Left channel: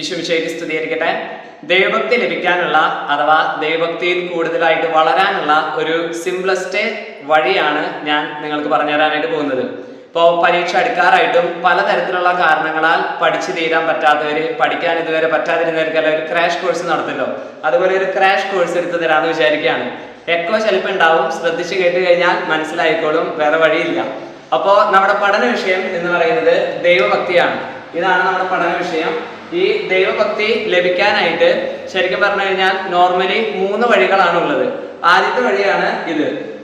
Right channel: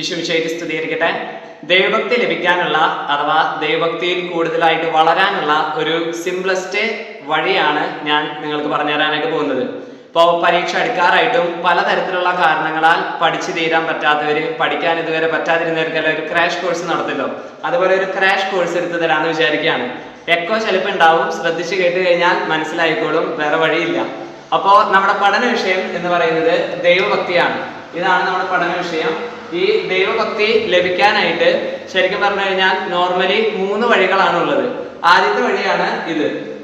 ഈശോവിശേഷി സ്തുതിയായിരിക്കട്ടെ ദൈവഭക്തി ലഭിക്കാനുള്ള അഥവാ ദൈവഭക്തിയിൽ കൂടുതലായിട്ട് വളരാനുള്ള ഒരു സിംപ്ലസ്റ്റ് വഴിയാണ് ഞാൻ നിങ്ങൾക്ക് പറഞ്ഞു തരാനായിട്ട് പോകുന്നത്. ഇപ്പോൾ പരീക്ഷ അടുക്കാറായിട്ടും പലതരത്തിലുള്ള കാരണങ്ങളാൽ പഠിച്ചു തീരാൻ പറ്റാത്തവർ പഠിക്കാൻ ഇതുവരെ പറ്റാതിരുന്നവർക്കെല്ലാം ഒരു ക്രാഷ് കോഴ്സ് നടത്തല്ലോ. അതുപോലെ ഒരു ക്രാഷ് കോഴ്സ് എടുത്തു തരാമെന്ന് വിചാരിക്കുകയാണ്. എക്കോ ചിലപ്പോൾ ഉണ്ടാവും ശ്രദ്ധിച്ച് കേട്ട് കഴിഞ്ഞാൽ മനസ്സിലായിക്കോളും വേറെ വഴിയില്ല. അപ്പോൾ നമ്മുടെ പഠന വിഷയം എന്ന് പറയുന്നത് ദൈവഭക്തിയാണ്. ഇതാണ് നമ്മുടെ പഠന വിഷയം. ഈ ദൈവഭക്തി ലഭിക്കാനായിട്ട് ശരിക്കും പറഞ്ഞു കഴിഞ്ഞാൽ നോർമലി മൂന്ന് വഴികളാണ് ഉള്ളത് ആദ്യത്തെ വഴിയാണ് ഇത്.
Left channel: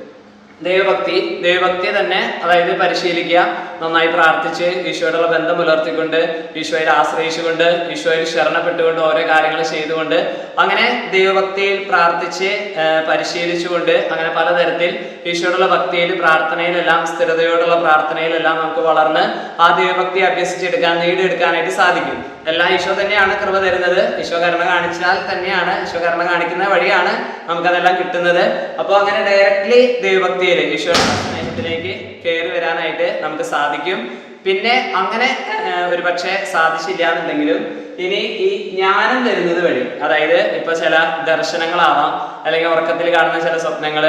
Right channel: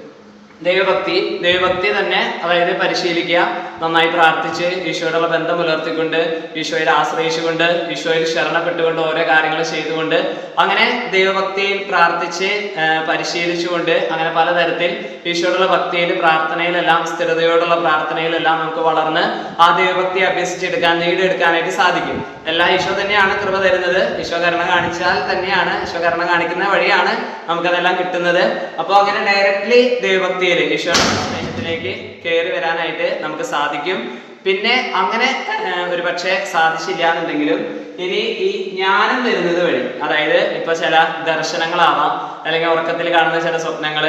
ദൈവഭക്തി ദൈവഭക്തി തന്നെ അതായത് പരിശീലിക്കുക നന്നായി പ്രാർത്ഥിച്ച് ഈശോയോടുള്ള ബന്ധം പുലർത്തിക്കൊണ്ട് ഈശോയിൽ ആശ്രയിച്ചുകൊണ്ട് ഈശോയിൽ ശരണപ്പെട്ടുകൊണ്ട് ഓരോ കാര്യങ്ങൾ ചെയ്തുകൊണ്ട് അങ്ങനെ ദൈവഭക്തിയിൽ പ്രാർത്ഥിച്ച് പരിശീലിച്ചുകൊണ്ട് അങ്ങനെ പലതരത്തിൽ ഈശോയോടുള്ള ഭക്തിയിൽ പ്രാർത്ഥനയിലെല്ലാം സ്ഥിരതയോടുള്ള പ്രാർത്ഥനയിലെല്ലാം നമുക്ക് വളർന്ന് ആ ദൈവഭക്തി അഭ്യസിച്ചെടുക്കാൻ നേടിയെടുക്കാനായിട്ട് സാധിക്കും. എല്ലാം ഈശോ തന്നെയാണ് കൃപ തരുന്നത്. ഈശോ കരുണ കാണിച്ചാൽ തന്നെയാണ് ഈശോ കരുണ കാണിക്കുന്ന വഴിയാണ് നമുക്കതെല്ലാം കിട്ടുന്നത്. അപ്പോൾ അങ്ങനെ ഡയറക്റ്റ്ലി ദൈവഭക്തിയിൽ ഈശ്വര സ്നേഹത്തിലേക്ക് കയറി വരാനായിട്ട് നമുക്ക് സാധിക്കും. പിന്നെ അങ്ങനെ ഒരു പക്ഷേ സാധിച്ചില്ല എന്നുണ്ടെങ്കിലും ഇനി ഈ ജ്ഞാനം വരുന്നത് വഴി അതായത് ഇപ്പൊ ചില ദർശനങ്ങളാവാം അല്ലെങ്കിൽ ഉറക്കത്തിൽ കാണുന്ന ചില സ്വപ്നങ്ങൾ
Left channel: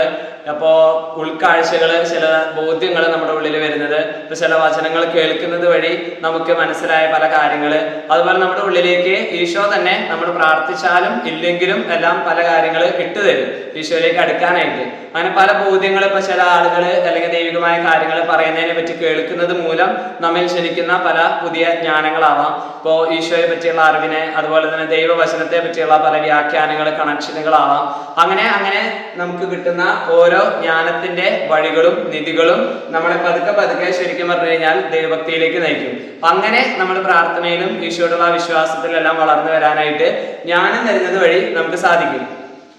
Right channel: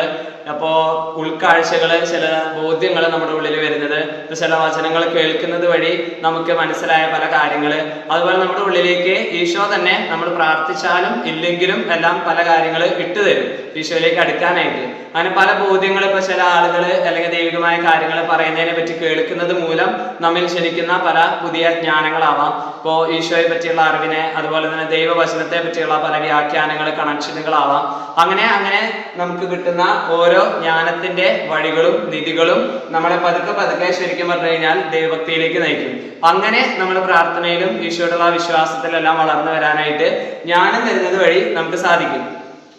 അപ്പോ ഉൾക്കാഴ്ചകൾ ചില ബോധ്യങ്ങൾ നമ്മുടെ ഉള്ളിൽ വരുന്നത് ഇപ്പൊ ചില വചനങ്ങൾ കേൾക്കുന്നത് വഴി നമുക്ക് മനസ്സിലായ പല കാര്യങ്ങൾ അതുപോലെ നമ്മുടെ ഉള്ളിലേക്ക് ഈശോ തന്നെ നമ്മൾ പ്രാർത്ഥിച്ചാലും ഇല്ലെങ്കിലും എല്ലാം പല കാര്യങ്ങൾ ഇട്ടുതരും ഈശോയിലേക്ക് അടുക്കാനായിട്ട്. അങ്ങനെ പല ബോധ്യങ്ങൾ ഇപ്പൊ ചില ആളുകൾ അല്ലെങ്കിൽ ദൈവികമായ കാര്യങ്ങൾ പറയുന്നതിനെ പറ്റി കേൾക്കുന്നത് മൂലം നമ്മിൽ ജനിക്കുന്ന പല പുതിയ ജ്ഞാനങ്ങളാവാം. ഇപ്പോൾ ഈശോയെ പറ്റിയുള്ള അറിവിനെ അതുപോലെ തന്നെ ദൈവവചനത്തെ പറ്റിയുള്ള പല വ്യാഖ്യാനങ്ങൾ കണക്ഷനുകളാവാം. അങ്ങനെ അങ്ങനെ നമുക്ക് കിട്ടുന്ന ഓരോ ജ്ഞാനത്തിന്റെ വഴികളും നിധികളും നമ്മളെ പതുക്കെ പതുക്കെ ശരിക്കും പറഞ്ഞു കഴിഞ്ഞാൽ ദൈവഭക്തിയിലേക്ക് നയിക്കും. അങ്ങനെ നമ്മൾ പ്രാർത്ഥനയിലും ഈശോയുടെ വിശ്വാസത്തിലെല്ലാം വളർന്നു വരാനായിട്ട് ജ്ഞാനം തരുന്നത് വഴി നമുക്ക് സാധിക്കും.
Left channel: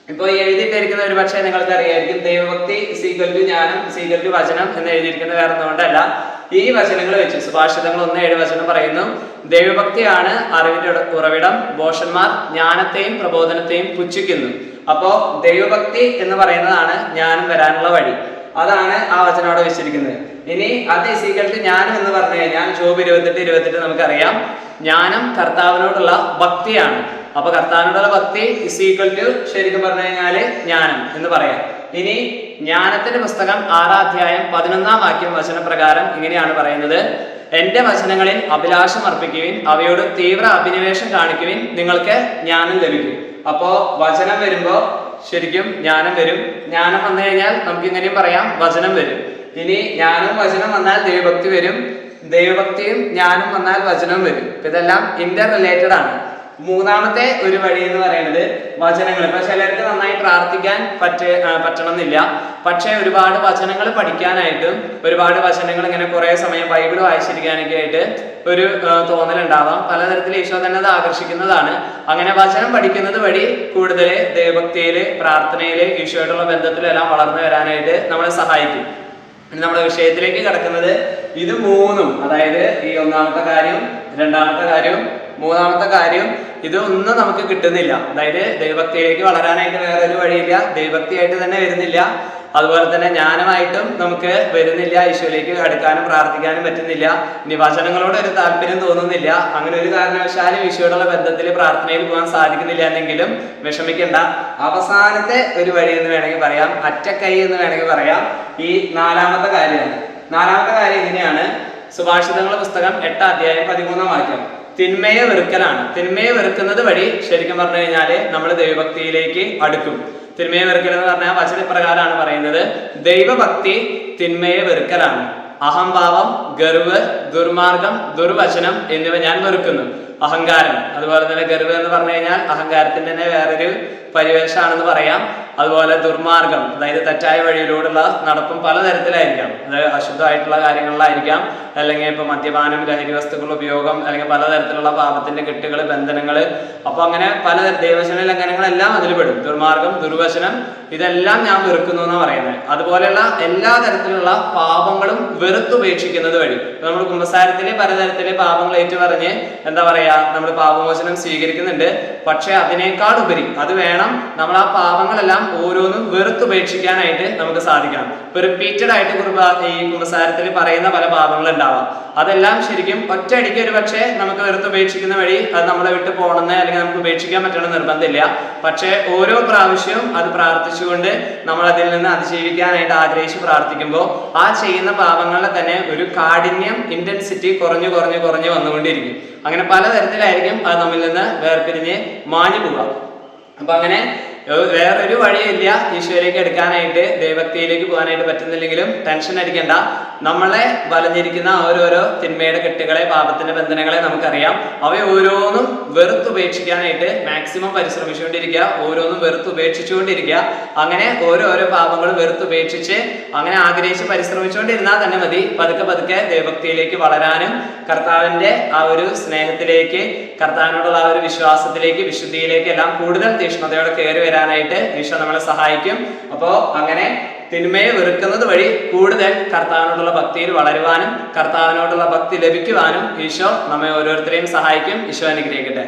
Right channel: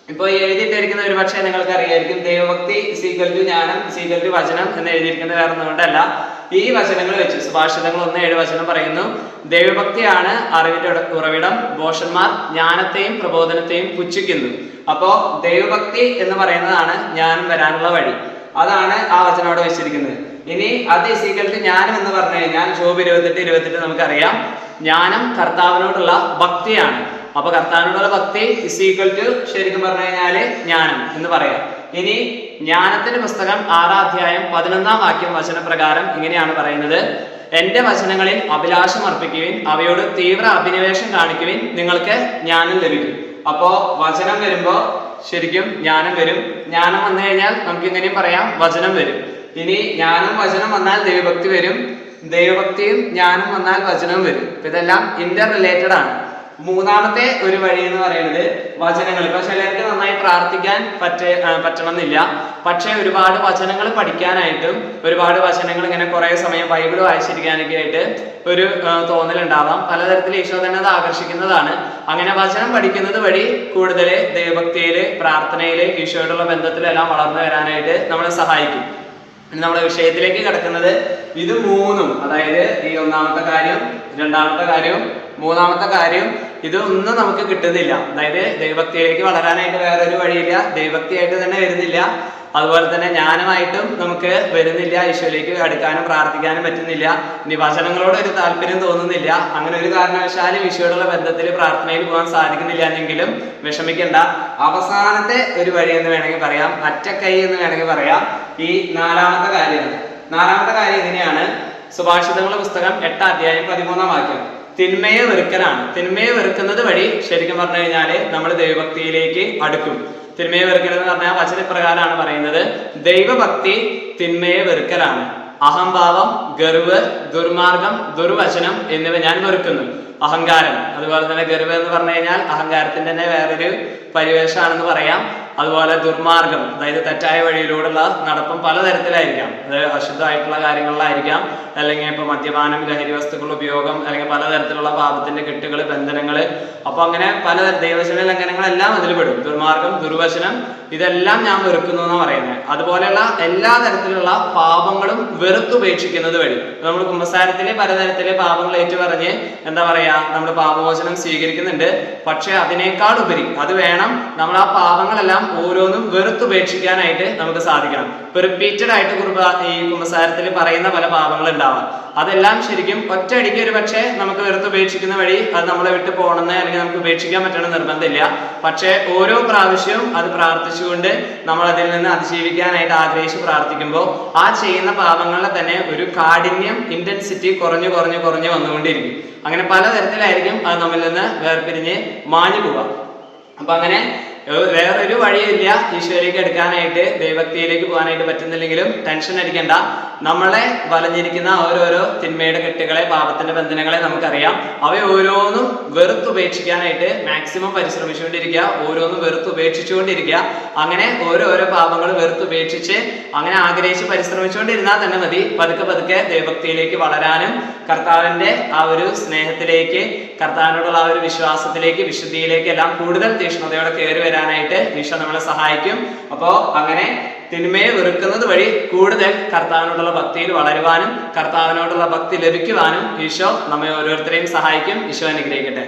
ഇപ്പോൾ എഴുതിയിട്ടിരിക്കുന്ന ഒരു പക്ഷേ നിങ്ങൾക്ക് അറിയായിരിക്കും ദൈവഭക്തി സീകൽ ടു ജ്ഞാനം സീകൽ ടു വചനം എന്ന് എഴുതിയിരിക്കുന്നത് വേറെ ഒന്നുകൊണ്ടല്ല ഈ വചനങ്ങൾ വെച്ച് സുഭാഷിതങ്ങൾ ഒന്ന് ഏഴ് വചനം പറയുന്നു. ദൈവഭക്തിയാണ് അറിവിന്റെ ഉറവിടം. ബോഷന്മാർ ജ്ഞാനത്തെയും പ്രബോധനത്തെയും പുച്ഛിക്കുന്നു. അപ്പോ ദൈവഭക്തി എന്ന് പറയുന്നതാണ് ജ്ഞാനം വരാനുള്ള വഴി. അതാണ് ആ വചനം അവിടെ വെച്ചിരിക്കുന്നത്. ഇനി അത് സീക്രട്ട് ജ്ഞാനം എന്ന് പറഞ്ഞു കഴിഞ്ഞാൽ ജോബ് ഇരുപത്തെട്ട് ഇരുപത്തെട്ട് നമുക്കറിയാം. ജ്ഞാനം കർത്താവിനോടുള്ള ഭക്തിയാണ്. അപ്പൊ കർത്താവിനോടുള്ള ഭക്തി ഇസ് ഈക്വൽ ടു ശരിക്കും പറഞ്ഞു കഴിഞ്ഞാൽ ജ്ഞാനം എന്ന് പറയാം. ഇനി ജ്ഞാനത്തിന്റെ പുസ്തകം ആറാധ്യായം പതിനൊന്നാം വാക്യം വചനപ്രകാരം ഇങ്ങനെയാണ് പറയുന്നത്. എന്റെ വചനങ്ങളിൽ അഭിലാഷം അർപ്പിക്കുവിൻ അവയോട് തീവ്ര അഭിനിവേശം കാണിക്കുവിൻ നിങ്ങൾക്ക് ജ്ഞാനം ലഭിക്കും. അപ്പോ വചനം വരുമ്പോ ശരിക്കും ജ്ഞാനം വരും. ജ്ഞാനം വന്നു കഴിഞ്ഞാൽ നമുക്ക് ഇങ്ങനെയും പറയാം വചനം വരും. ഇനി ജ്ഞാനവും വചനം വന്നാൽ ദൈവഭക്തി വരും. ദൈവഭക്തിയും ജ്ഞാനം വന്നാൽ വചനവും വരും. ഇതെല്ലാം ഇന്റർ റിലേറ്റഡ് ആണ്. മൂന്നാമത്തെ ഒരു വഴി എന്ന് പറയുന്നത് വചനങ്ങൾ. ഇപ്പൊ ചിലർക്ക് നന്നായി പ്രാർത്ഥിക്കാൻ പറ്റ പറ്റണം പറ്റണമെന്നില്ല. പക്ഷേ ഒരുപാട് വചനങ്ങൾ പഠിക്കാനായിട്ടും ഒരുപാട് വചനങ്ങൾ ഇങ്ങനെ കുറെ സമയം ബൈബിൾ വായിച്ചിരിക്കാനൊക്കെ ആയിട്ട് ഒരു തോന്നലുണ്ടാവാം. പലതരത്തിൽ ഈശോ തന്നെ അത് ആകർഷിക്കുന്നതാണ്. അങ്ങനെ വചനം പഠിക്കുന്നത് വഴി കൂടുതൽ ദൈവഭക്തിയിൽ പ്രാർത്ഥനയിൽ ഈശോയോടുള്ള ബന്ധത്തിലെല്ലാം വളർന്നു വരാനായിട്ട് നമ്മളെ സഹായിക്കും. ഇനി നമ്മുടെ വിഷയത്തിലേക്ക് കിടക്കുന്നത് ഇത് മൂന്നും. അതായത് ഈ ഒന്നാമത്തെ കാര്യം രണ്ടാമത്തെ കാര്യം മൂന്നാമത്തെ കാര്യം ഇതൊന്നും നമുക്ക് കിട്ടുന്നില്ല. അതായത് ദൈവഭക്തിയിലേക്ക് വളരാനായിട്ട് വേറൊരു വഴിയില്ല. ദൈവഭക്തിയായിട്ട് തന്നെ വരുന്നില്ല. അതുപോലെ തന്നെ ജ്ഞാനമായിട്ടും നമുക്ക് വരുന്നില്ല. ഈശോയിലേക്ക് അടുക്കാനും പ്രാർത്ഥിക്കാനും പറ്റുന്നില്ല. നിവാചനങ്ങളോട് ഒരു താല്പര്യം തോന്നുന്നില്ല. അങ്ങനെ ഒരു കാരണവശാലും ഈശോയോടുള്ള ബന്ധത്തിൽ പ്രാർത്ഥനയിൽ പോകാൻ സാധിക്കുന്നില്ല എന്നെങ്കിലും വിഷമിക്കേണ്ട. അവസാനത്തെ ഒരു വഴി എന്ന് വേണമെങ്കിൽ പറയാം. അറ്റക്കൈ എന്ന് വേണമെങ്കിൽ പറയാം. ഈ നാലാമത്തെ കാര്യമാണ് നാലാമത്തെ കാര്യം ഇങ്ങനെയാണ് സുഭാഷിതങ്ങളുടെ പുസ്തകം എട്ടാം അധ്യായം പതിമൂന്നാം വാക്യം. തിന്മയെ വെറുക്കലാണ്. തിന്മയെ വെറുക്കുന്നത് വഴി ശരിക്കും പറഞ്ഞു കഴിഞ്ഞാൽ നമ്മൾ ദൈവഭക്തിയിലേക്ക് അടുക്കും. തിന്മയെ വെറുക്കൽ എന്ന് പറഞ്ഞാൽ വചനപ്രകാരമാണ് പറയുന്നത്. ദൈവഭക്തി തിന്മയെ വെറുക്കലാണ്. അഹംഭാവം ഗർവ് ദുർമാർഗം ദുർവചനം എന്നിവ ഞാൻ വെറുക്കുന്നു. അഹങ്കാരം. അതുപോലെ തന്നെ ഗർവ് എന്ന് പറഞ്ഞു കഴിഞ്ഞാൽ അഹങ്കാരത്തിന്റെ തന്നെ വേറൊരു പരിവേഷമാണെന്ന് പറയാം. അതുപോലെ ദുർമാർഗം അതായത് തെറ്റായ വഴിയിലൂടെയുള്ള നടപ്പും പലതരത്തിലായിരിക്കാം അത് അശുദ്ധമായിട്ടുള്ള കാര്യങ്ങളിലായിരിക്കാം അല്ലെങ്കിൽ ഇപ്പൊ മദ്യപാനം ലഹരി വസ്തുക്കളുടെ ഉപയോഗം അല്ലെങ്കിൽ പലതരത്തിലുള്ള പാപത്തിന്റെ കെട്ടുകൾ ബന്ധനങ്ങൾ അപ്പൊ അങ്ങനെ പല ദൈവശന ലംഘനങ്ങളെല്ലാം അതിൽ പെടും ദുർമാർഗം ദുർവചനം ഇതെല്ലാം ഞാൻ വെറുക്കുന്നു എന്നാണ് പറയുന്നത്. അതുപോലെയുള്ള എല്ലാ തരത്തിലുള്ള പാപങ്ങളും വെറുത്തുപേക്ഷിക്കുന്നത് വഴി. നമ്മൾ കുംഭസാരത്തിലെ പലതരത്തിലെ പാപങ്ങൾ ഏറ്റുപറഞ്ഞ് എന്താ പറയാ നമ്മൾ പാപമോചനം സ്വീകരിക്കുന്നുണ്ട്. പക്ഷെ അതിനേക്കാൾ ഉപരി അത് വേണം നമ്മൾ ആ പാപങ്ങളെല്ലാം ഓരോന്നും വെറുത്തുപേക്ഷിക്കാനായിട്ട് നമുക്ക് സാധിക്കണം. ഇപ്പൊ റിപ്പീറ്റഡ് ആയിട്ട് കുർബ ഈ കുമ്പസാരത്തിൽ പറയുന്ന പല പാപങ്ങൾ ഉണ്ടാവാം. അതെല്ലാം ശരിക്കും ഒറ്റയടിക്ക് ഒരു പക്ഷേ നമുക്ക് വെറുത്തുപേക്ഷിക്കുന്ന വഴി അത് നമ്മളെ വിട്ട് പോകണമെന്ന് അല്ലെങ്കിൽ നമുക്ക് ഉപേക്ഷിക്കാൻ പറ്റണം നിർബന്ധമില്ല. പക്ഷേ ഓരോ പ്രാവശ്യവും അത് പ്രാർത്ഥിച്ചുകൊണ്ട് നമ്മൾ അതിൽ നിന്ന് അതിജീവിക്കാനായിട്ട് ആഗ്രഹിച്ച് പ്രാർത്ഥിക്കുമ്പോൾ ആ ചെയ്യുന്ന പാപങ്ങളെ തന്നെ ഒരു കാഠിന്യം ഇന്റൻസിറ്റി കുറഞ്ഞു കുറഞ്ഞു കുറഞ്ഞു വന്നുകൊണ്ടിരിക്കും. അങ്ങനെ പലതരത്തിലായിരിക്കും അത് നമ്മിൽ നിന്ന് വേർപിരിഞ്ഞ് മാഞ്ഞു പോവാം അപ്പൊ അങ്ങനെ വേറൊരു വഴിയില്ല ഈശോയിലേക്ക് എടുക്കാനായിട്ട് ദൈവഭക്തിയിലേക്ക് പോകാനായിട്ട് പറ്റുന്നില്ലെങ്കിലും ടെൻഷൻ അടിക്കണ്ട. നമ്മളെ വലഞ്ഞിരിക്കുന്ന ഓരോരോ തിന്മയുടെ കെട്ടുകളെ പാപത്തിന്റെ ബന്ധനങ്ങളെ നമുക്കറിയാം. അവയെ ഓരോന്നും വെറുത്തുപേക്ഷിക്കാനായിട്ട് മാക്സിമം പരിശ്രമിച്ചുകൊണ്ടിരിക്കുക ഓരോന്നും വെറുത്തുപേക്ഷിച്ചുകൊണ്ടിരിക്കുക അങ്ങനെ ഓരോരോ പാപങ്ങൾ വെറുത്തുപേക്ഷിച്ച് അങ്ങനെ ആഗ്രഹിച്ച് പരിശ്രമിച്ചുകൊണ്ടിരുന്നാൽ തന്നെ മതി. പതുക്കെ പതുക്കെ ദൈവഭക്തിയിലേക്ക് വളരാനും കർത്താവിന്റെ ആ ഒരു സ്നേഹത്തിലേക്ക് കർത്താവിനോടുള്ള ആ ഒരു വിശ്വാസത്തിലേക്ക് വിശുദ്ധിയിലേക്ക് എല്ലാം കൂടുതൽ തീക്ഷ്ണതയോടെ കയറി വരാനായിട്ട് ഈശോ നമ്മളെ സഹായിക്കും. അപ്പോൾ അങ്ങനെ തിന്മയെ വെറുക്കുന്നത് വഴി കൂടുതൽ കർത്താവിനോടുള്ള ഭക്തിയിൽ വളരുവാനും കർത്താവിനോടുള്ള ഭക്തി ലഭിക്കുവാനും ഈശോ നമ്മെ ഓരോരുത്തരെയും സഹായിക്കും. ഈശോ അനുഗ്രഹിക്കട്ടെ.